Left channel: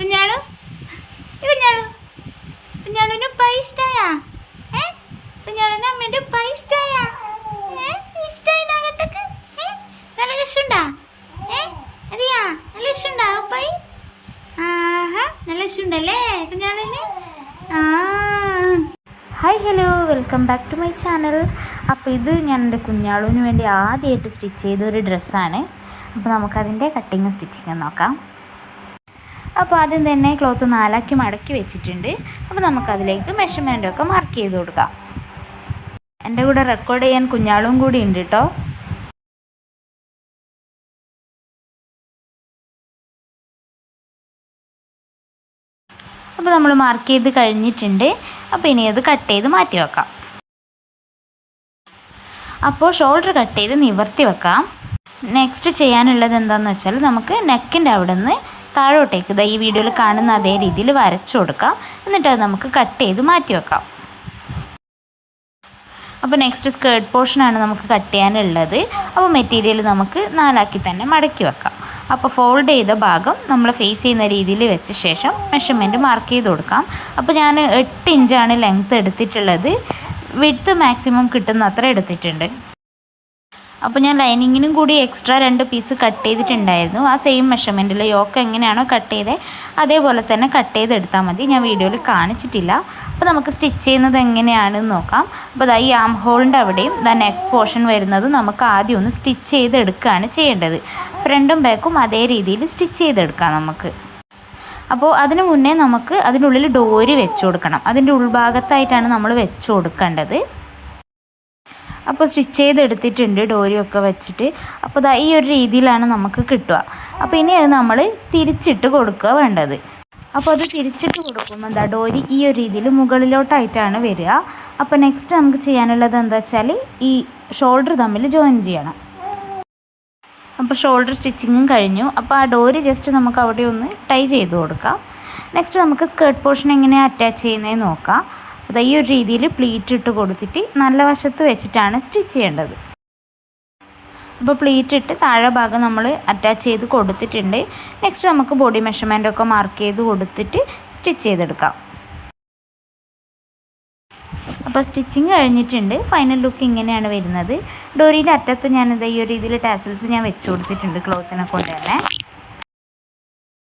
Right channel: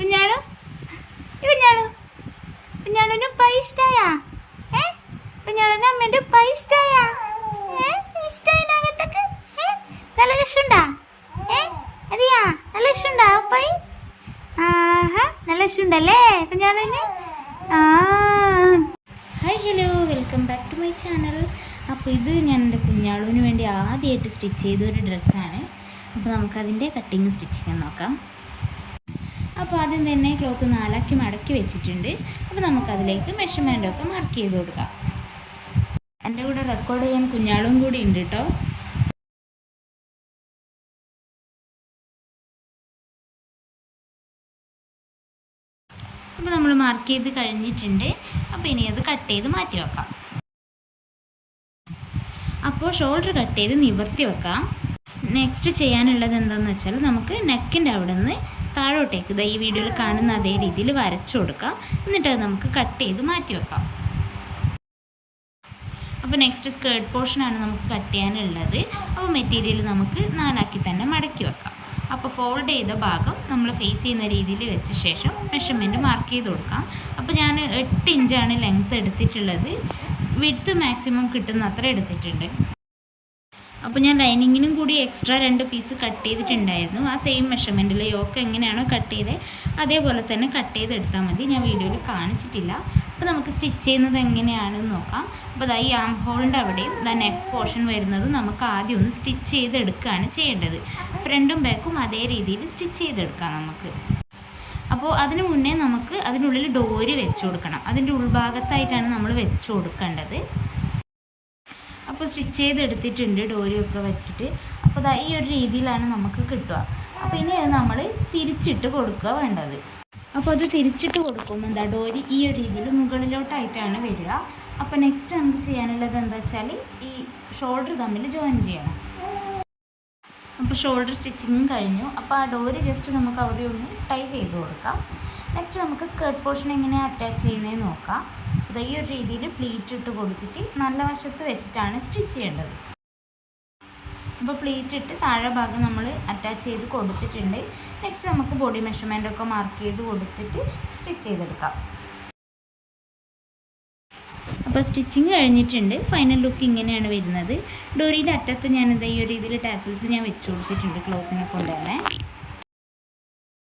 നല്ല നല്ല ആഹാ നല്ല ആ. Hi hello welcome back to my channel അപ്പോൾ ഇത് ഞാൻ എന്റെ കുഞ്ഞാളുവിന് വേണ്ടി ആദ്യമായിട്ട് സ്റ്റിച്ച് ചെയ്ത ഒരു ഡ്രസ്സാണ് അപ്പോൾ നമുക്കതിന്റെ കട്ടിങ് സ്റ്റിച്ചിങ് നോക്കാം. അപ്പോൾ ആദ്യം തന്നെ ക്ലോത്ത് നാലാക്കി മടക്കി വെച്ചിട്ടുണ്ട്. അപ്പോൾ നമുക്കതിലേക്ക് മെഷർമെന്റൊക്കെ മാർക്ക് ചെയ്ത് കൊടുക്കാം. എന്റെ കൂടെ റെക്കോർഡ് ചെയ്യാൻ കുഞ്ഞാളും കൂടി ഉണ്ട് കേട്ടോ അപ്പോൾ നമ്മൾ മാർക്ക് ചെയ്ത് കഴിഞ്ഞിട്ടുണ്ട്. അപ്പോൾ ഇനി അത് കട്ട് ചെയ്ത് മാറ്റി വെക്കാം. അപ്പോൾ ഷോൾഡർ കട്ട് ചെയ്ത് നിവർത്തി വെക്കാം. നെക്സ്റ്റ് ചെയ്യാനുള്ളത് എന്താണെന്ന് വെച്ചാൽ നമുക്ക് നെക്കിന്റെ അവിടെ നിന്ന് താഴോട്ടേക്ക് ഇതാ ഈ വീഡിയോയിൽ കാണുന്ന അതേ രീതിയിൽ വരച്ചു കൊടുക്കാം. എന്നിട്ട് അത് നമുക്ക് കട്ട് ചെയ്ത് മാറ്റി വെക്കാം. അപ്പോൾ നെക്സ്റ്റ് സ്കേർട്ട് പോർഷനാണ് നമുക്ക് കട്ട് ചെയ്യാനുള്ളത്. അപ്പോൾ മെറ്റീരിയൽ നമുക്ക് നാലാക്കി തന്നെ മടക്കി വെക്കാം. അപ്പോൾ ഫോൾഡ് ചെയ്ത ഭാഗം നമ്മൾ ഫേസ് ചെയ്യുന്ന രീതിയിൽ വെച്ച ശേഷം മെഷർമെന്റ് മാർക്ക് ചെയ്ത് കൊടുക്കാം. അപ്പോൾ ഞാൻ എട്ട് ഇഞ്ചാണ് ലെങ്ത്ത് എടുത്തിട്ടുള്ളത്. വിഡ്ത്ത് മാക്സിമം കിട്ടുന്ന അത്ര എടുത്തിട്ടുണ്ട്. അപ്പോൾ ഞാൻ ലൈനിങ്ങിനും കൂടി എക്സ്ട്രാ രണ്ട് പീസ് കട്ട് ചെയ്തിട്ടുണ്ടായിരുന്നു. ആ സെയിം മെഷർമെന്റിൽ യോക്ക് എങ്ങനെയാണോ കട്ട് ചെയ്തത് അതേപോലെ തന്നെ കട്ട് ചെയ്തെടുത്താൽ മതി. ഞാൻ വീഡിയോയിൽ കാണിച്ചിട്ടില്ല. അപ്പോൾ നമുക്ക് സ്റ്റിച്ച് ചെയ്യുന്നത് എങ്ങനെയാണെന്ന് നോക്കാം. അപ്പോൾ ദാ ഈ ആം ഹോളിന്റെ അവിടെയും ദാ നെക്ക് പോർഷൻ വരുന്നത് നമുക്ക് ആദ്യം ഒന്ന് സ്റ്റിച്ച് ചെയ്തെടുക്കുകയാണ് ചെയ്യേണ്ടത്. ഫ്രണ്ടും ബാക്കും അതേ രീതിയിൽ സ്റ്റിച്ച് ചെയ്തെടുക്കാം നമുക്ക്. അപ്പോൾ അതിന് മുന്നേ നമുക്ക് അതിനുള്ളിൽ ഡോരി വെച്ച് കൊടുക്കണം. അതിന്റെ ഉൾഭാഗത്തായിട്ടാണ് നമ്മൾ വെച്ച് കൊടുക്കേണ്ടത്. അപ്പോൾ സ്റ്റിച്ച് ചെയ്തെടുത്തിട്ടുണ്ട് ഡോരിയൊക്കെ വെച്ചിട്ട്. അപ്പോൾ ഈ ഒരു രീതിയിലാണ് നമുക്ക് കിട്ടുക. അപ്പോൾ ഇനി അത് നമ്മൾ തിരിച്ചിട്ട് കൊടുക്കുക വേണ്ടത്. അപ്പോൾ അത് തിരിച്ചിട്ട് കൊടുക്കുമ്പോൾ എന്താ ഡോരി ഈ ഒരു രീതിയിൽ മുകളിലോട്ടായിട്ടാണ് വരിക. അപ്പോൾ നെക്സ്റ്റ് നമുക്ക് ചെയ്യാനുള്ളത് എന്താ വെച്ചാൽ ഈ ഷോൾഡർ തമ്മിൽ ജോയിൻ ചെയ്യണം. അപ്പോൾ ഷോൾഡർ സ്റ്റിച്ചിങ്ങും കഴിഞ്ഞു. അപ്പോൾ ആ ഡോരി ജസ്റ്റ് നമുക്ക് അവിടെ ഒന്ന് ടൈ ചെയ്ത് കൊടുക്കാം. നെക്സ്റ്റ് നമുക്ക് സ്കേർട്ട് പോർഷൻ എങ്ങനെയാണ് അറ്റാച്ച് ചെയ്യുന്നതെന്ന് നോക്കാം. അത് ഈ ഒരു രീതിയിൽ പ്ലീറ്റ് ഇട്ട് കൊടുത്തിട്ട് നല്ല വശത്ത് വെച്ചിട്ടാണ് സ്റ്റിച്ച് ചെയ്യേണ്ടത്. അപ്പോൾ പ്ലീറ്റ് ഇട്ട് താഴെ ഭാഗം നമ്മൾ അറ്റാച്ച് ചെയ്ത് കൊടുത്തിട്ടുണ്ട്. നെക്സ്റ്റ് നമുക്ക് ബോഡി മെഷർമെന്റ് ഒക്കെ മാർക്ക് ചെയ്ത് കൊടുത്തിട്ട് സ്റ്റിച്ച് ചെയ്തെടുക്കാം. അപ്പോൾ സ്റ്റിച്ചിങ് കഴിഞ്ഞിട്ടുണ്ട്. ഫൈനൽ ലുക്ക് ഇങ്ങനെയാണ് വരുന്നത്. ഡോറിയുടെ അറ്റത്ത് ഞാനിത് ഈ ഒരു രീതിയിൽ ടാസൽസ് ഞാൻ വെച്ച് കൊടുത്തിട്ടുണ്ട് ക്ലോത്തിനെ കൊണ്ട് തന്നെ.